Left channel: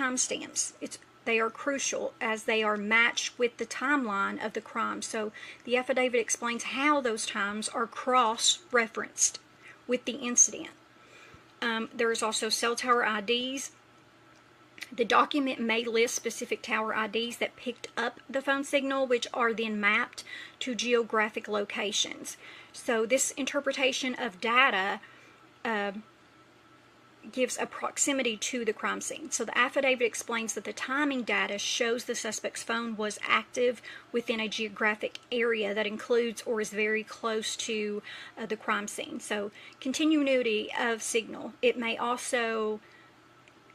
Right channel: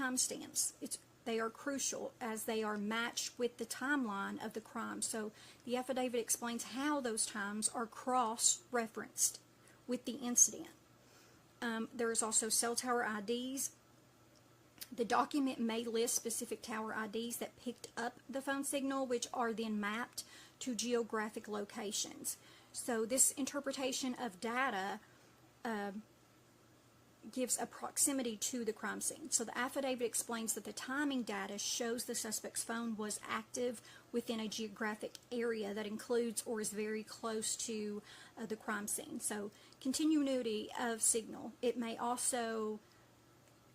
timestamps. They are crucial as they are matched with the timeline of the crime. So the affidavit explains how those times are cross-referenced with the incident. There is also cell tower IDs. The document may list specific tower IDs that picked up the phone signal, which are then mapped to geographic locations. So this interpretation of data gives a proximity to the crime scene. So the affidavit explains that the timing data shows the suspect's phone was active within a geographic area that includes or is very close to the crime scene. So continuity of signal. It may also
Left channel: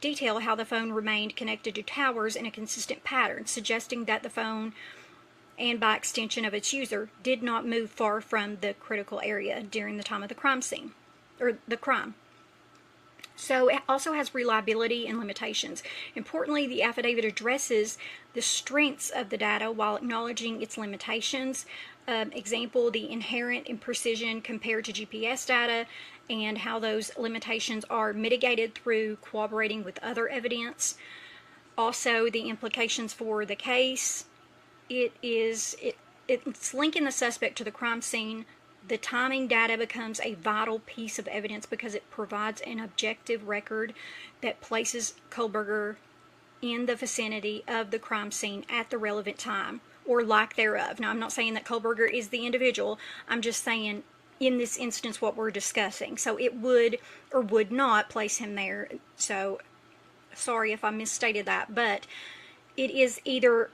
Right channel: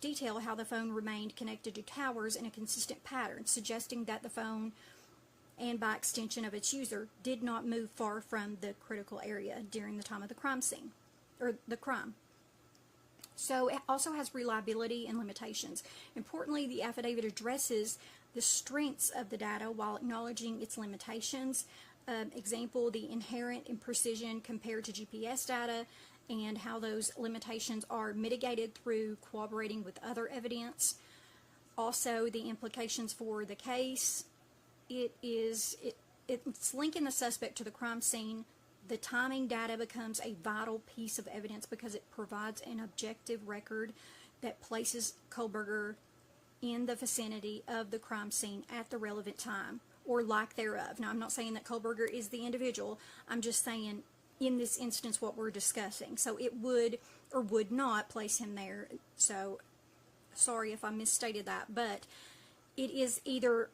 detail how the phone remained connected to towers in a consistent pattern, suggesting that the phone, and by extension of its user, did not move far from the critical area during the time of the crime scene, or the crime. So it also has reliability and limitations. Importantly, the affidavit addresses the strengths of the data while acknowledging its limitations. Example, the inherent imprecision compared to GPS data and how those limitations are mitigated through cooperating with other evidence. Also, the implications for the case. It's linking the suspect to the crime scene. The timing data becomes a vital piece of evidence because it provides an objective record that places Kohberger in the vicinity of the crime scene at the relevant time, or lack thereof. Now, I'm not saying that Kohberger is the individual. I'm just saying, in this instance, what we're discussing. So it would or would not place him there. So, sorry if I misstated that, but it is either,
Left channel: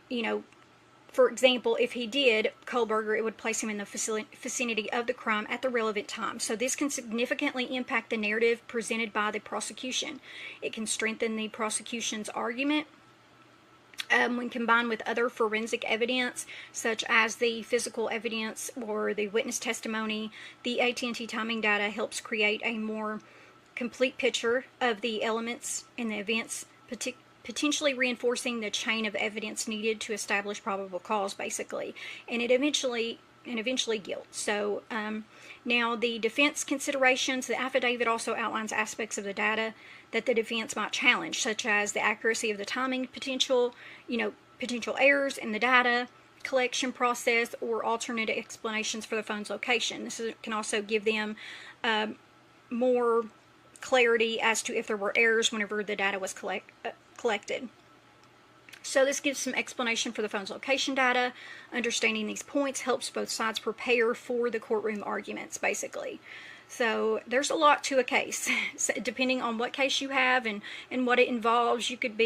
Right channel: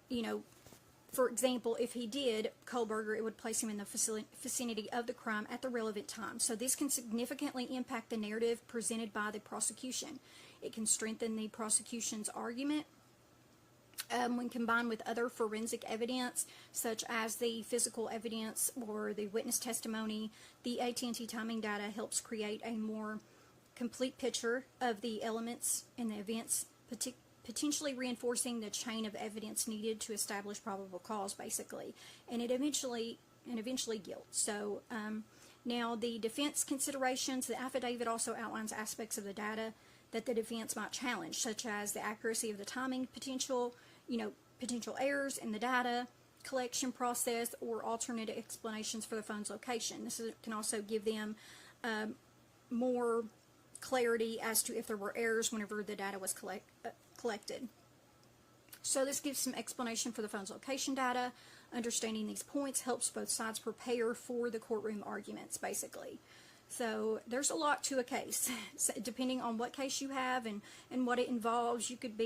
for example, if he did, Kohberger, it would place him in the vicinity of the crime at the relevant time. So this can significantly impact the narrative presented by the prosecution. It can strengthen the prosecution's argument when combined with other forensic evidence, such as the physical evidence or the witness testimony. The AT&T timing data helps create a more complete picture of the elements and the events, potentially reinforcing the chain of evidence needed to establish probable cause, basically, and eventually guilt. So now the defense considerations. The affidavit also outlines aspects of the data that the defense might challenge, such as the accuracy of the timing, potential errors in the data collection process, or alternate explanations for the phone's location. This can also give them more clarity as to if there were errors whenever the data was collected. So this gives some explanation for the phone's location data. Understanding these points helps both sides prepare for the courtroom arguments, basically. So there's a lot to a case. So depending on what case you have and what it involves, you could be